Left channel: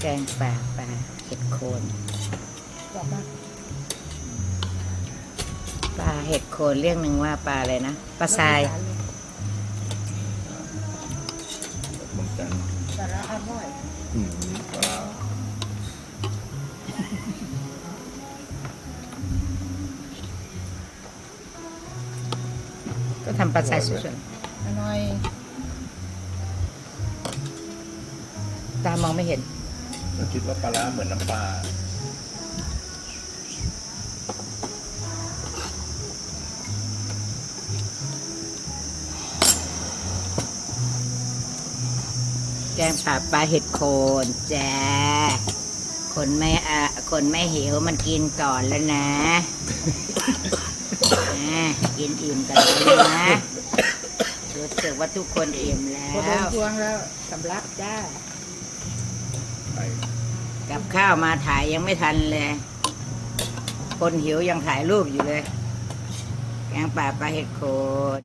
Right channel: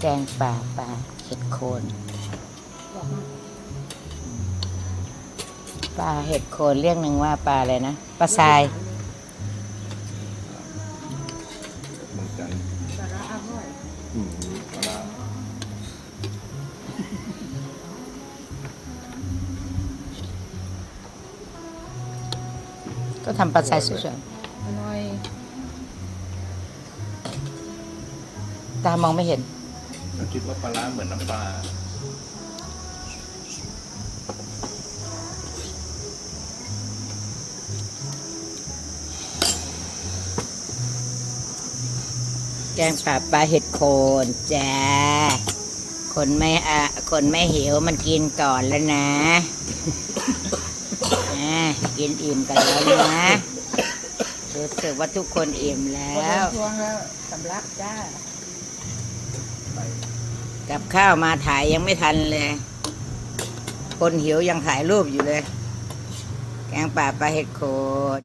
แกงป่าปลาเห็ดโคนปลาเห็ดโคนเรียกหนึ่งว่าปลาอะไรนะปลาทรายเหมือนกันสาระอร่อยอืมปลาก็ทำปลาทรายสวยอร่อยๆตามองไม่เห็น แล้วคิดว่าปลาร้าเหมือนน้ำปลาแกงป่าปลาเห็ดโคนจ้าคนไม่อะคนไม่หิวมันกินก่อนแล้วนะอ่ากินอิ่มกันแล้วนะรู้สึกว่าทุกคนอิ่มแล้กระวพวงแล้วสำลักจ้า กับข้าวมาถ่ายยังไม่ทันเลย คนหิวยังถ่ายรูปอยู่เลย แกงป่าปลาเห็ดโคน